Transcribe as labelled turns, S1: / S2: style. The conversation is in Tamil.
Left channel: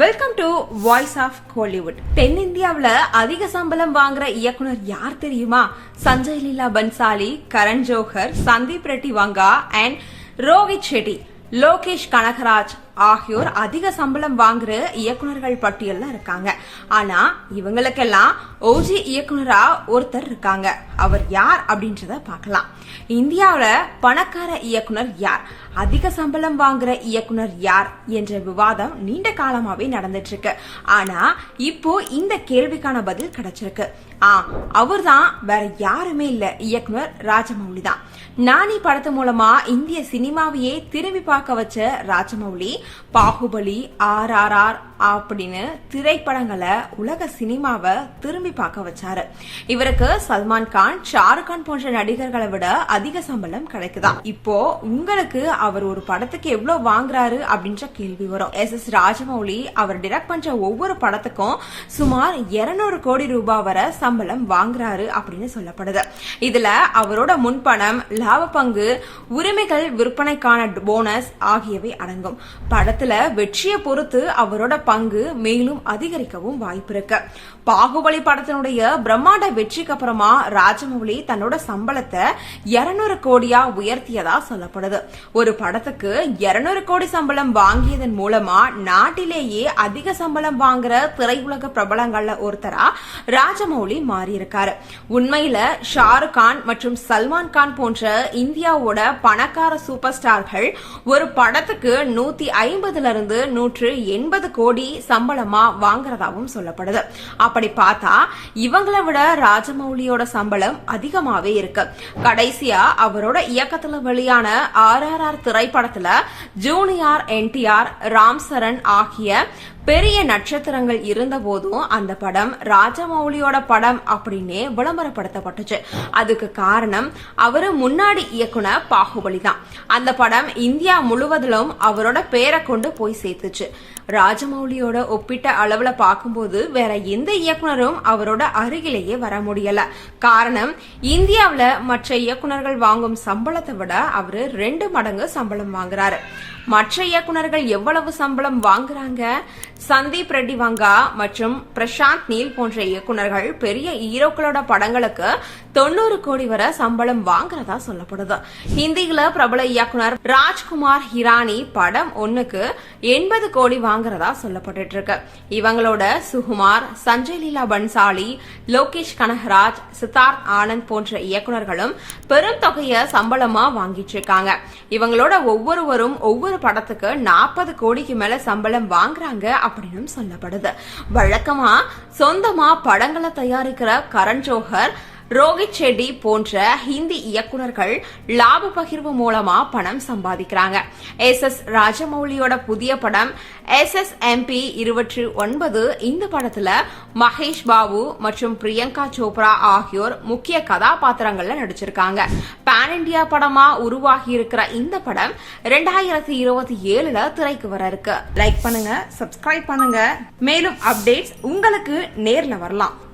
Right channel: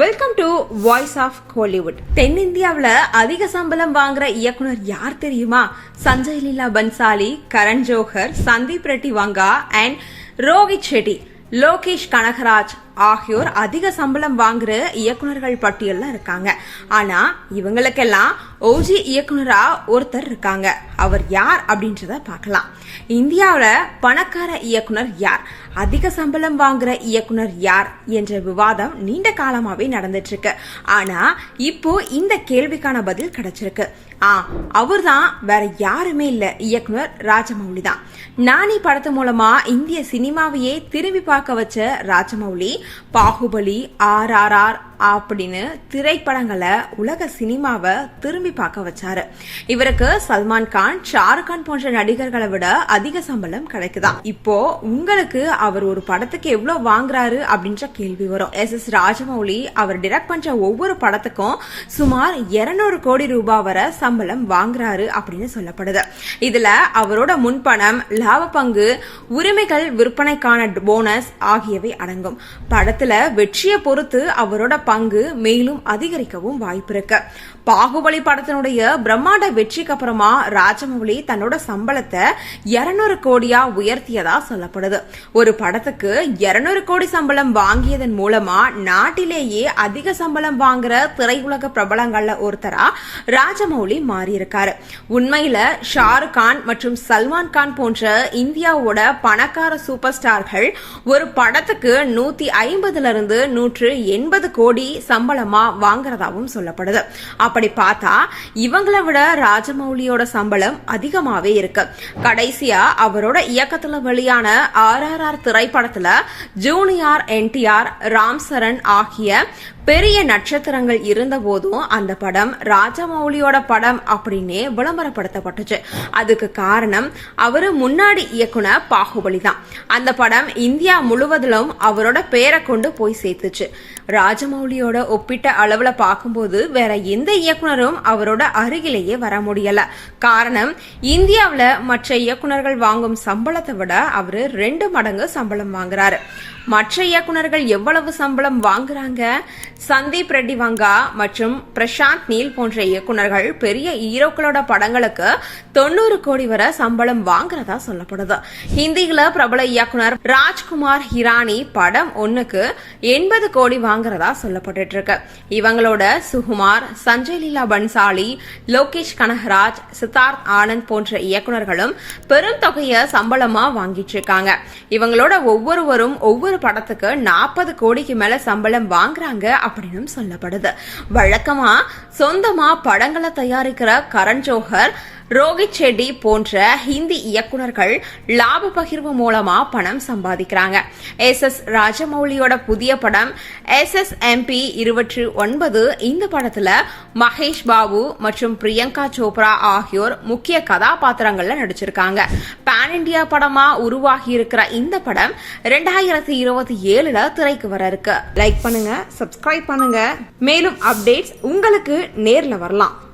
S1: Welcome to voice of Kollywood தென்னிந்தியாவில் அதிக சம்பளம் வாங்குற இயக்குனர் யார் தெரியுமா? சஞ்சய் லீலா பன்சாலி கரண் ஜோஹர் சந்தீப் ரெட்டி வங்கா அண்ட் ரோஹித் ஷெட்டி லோகேஷ் கனகராஜ். ஆகியோர் அதிக சம்பளம் வாங்குற இயக்குனர்கள் பட்டியல்ல இருக்காங்க. ஆனா இவங்களுக்கெல்லாம் ஓஜி இயக்குனரா ஒருத்தர் இருக்காங்க. அவர் யார் அப்படின்றத பார்க்கலாம். இந்தியாவில் பணக்கார இயக்குனர் யார்? அதிக சம்பளம் வாங்குற இயக்குனர் யார்? என்ற விவாதம் நீண்ட காலமாவே நடந்துட்டு இருக்கு ஆனா இப்போ இந்த கேள்விக்கான பதில் கிடைச்சிருக்கு. ஆ அவர்தான் வேற யாருமே இல்ல. இயக்குனர் ராஜமௌலி தான் நானி படத்து மூலமா இந்திய சினிமாவையே திரும்பி பார்க்க வச்ச Rajamouli Baahubali R R R அப்படின்னு திரைப்படங்களை உலக சினிமாவை திரும்பி பார்க்க வச்சாரு. இவருக்கு சல்மான் கான் ஷாருக்கான் போன்ற நடிகர்களை விட அதிக சம்பளம் கிடைக்குதா? இப்போ உங்களுக்கு அவர் ஒரு படத்துக்கு எவ்வளவு வாங்குறாரு அப்படின்ற கேள்வி வரும். எஸ் எஸ் ராஜமௌலி அவர் டிரெக்ட் பண்ற ஒவ்வொரு படத்துக்கும் சுமார் 200 கோடி ரூபாய் வரை சம்பளம் வாங்குறாரு அப்படின்னு சொல்லப்படுது. இதுல அவரோட முன்பணம் லாப பங்கு உரிமைகள் விற்பனைக்கான போனஸ் ஆகியவை அடங்கும். படத்துல வெற்றியை பொறுத்து அவரோட பங்கு மேலும் அதிகரிக்கவும் வாய்ப்பு இருக்கு பாகுபலி படத்தினுடைய பிரம்மாண்ட வெற்றிக்கு அப்புறமா ராஜமௌலி தன்னோட சம்பளத்தை 200 கோடியா உயர்த்தியதா சொல்லப்படுது. ஒரு படத்துக்கு 200 கோடி சம்பளம் வாங்கியதன் மூலமா நாட்டிலேயே அதிக சம்பளம் வாங்குற திரையுலக பிரபலங்கள்ல ஒருத்தரா ராஜமௌலி மாறியிருக்காரு. உண்மையில ஷாருக் கான் மற்றும் சல்மான் கான் போன்ற இந்தியாவோட பணக்கார சூப்பர் ஸ்டார்கள் ஒரு படத்துக்கு நூத்தி ஐம்பதுல இருந்து நூற்று எண்பது கோடி சம்பளமா வாங்குறதாவும் சொல்லப்படுது. அப்படி பார்த்தா இவங்களை விட ராஜமௌலியோட சம்பளம் அதிகமாவே இருக்கு. கடைசியா அவரோட இயக்கத்துல வெளியான ஆர் ஆர் ஆர் திரைப்படத்துல ஜூனியர் என்டிஆர் ராம் சரண் ஆகிய பெரிய நட்சத்திரங்கள் இருந்த போதும் அந்த படம் ராஜமௌலியோட படம் அப்படின்னே விளம்பரப்படுத்தப்பட்டுச்சு. அதுக்கு காரணம் அவரு முன்னாடி இயக்குனர் பாகுபலி தான். அந்த படம் இந்தியா முழுவதிலும் அவரோட பேரை கொண்டு போய் சேர்த்துச்சு. ராஜமௌலியோட ஒப்பிட்ட அளவுல பார்க்கும்போது வேற எந்த இயக்குனரும் அவரோட அருகிலேயே வர முடியல. காரணம் இந்தியாவில் மற்ற இயக்குனர்கள் வாங்கும் சம்பளத்தை விட அவரு ரெண்டு மடங்கு சம்பளம் வாங்குறாரு. மற்ற இயக்குனர்கள் எவ்வளவு சம்பளம் வாங்குறாங்க? சந்தீப் ரெட்டி வங்கா மற்றும் பிரசாந்த் நீல் போன்ற இயக்குனர்கள் பெரிய ஹீரோக்களோட படங்களுக்கு தொண்ணூறு கோடி வரை சம்பளம் வாங்குறதா சொல்லப்படுது. ஹிந்தியில பிரபல இயக்குனர் ராஜ்குமார் ஹிரானி படம் ஒன்னுக்கு எண்பது கோடி வாங்குறதா சொல்லப்பட்டு இருக்கு இவங்களோட சுகுமார் சஞ்சய் லீலா பன்சாலி லோகேஷ் கனகராஜ் சித்தார்த் ஆனந்த் போன்ற இயக்குனர்களும் பெரும் தொகையை சம்பளமா வாங்கிட்டு இருக்காங்க இவங்களோட ஒவ்வொருவரும் ஒவ்வொரு படத்துக்கு நாற்பது கோடிக்கு மேல சம்பளம் வாங்குறாங்க அப்படின்னு சொல்லப்படுது. வழக்கமா சொந்தமா படங்களை தயாரிக்கிற கரண் ஜோஹர் ரோஹித் ஷெட்டி போன்ற ஹிந்தி இயக்குனர்கள் லாப பகிர்வு மூலமா பணம் சம்பாதிக்கிறாங்க. எஸ் எஸ் ராஜமௌலியோட புதிய படம் எஸ் எஸ் எம்பி இருபத்தி ஒன்பது இந்த படத்துல மகேஷ் பாபு மற்றும் பிரியங்கா சோப்ரா ஆகியோர் முக்கிய கதாபாத்திரங்கள்ல நடிச்சிருக்காங்க. பேன் இண்டியா படமா உருவாகி இருக்கிற இந்த படம் ரெண்டாயிரத்தி இருபத்தி ஏழுல திரைக்கு வர இருக்கு. லைக் பண்ணுங்க சப்ஸ்கிரைப் பண்ணுங்க. மேலும் அப்டேட்ஸ் உங்களுக்கு நேர்ல வரலாம்.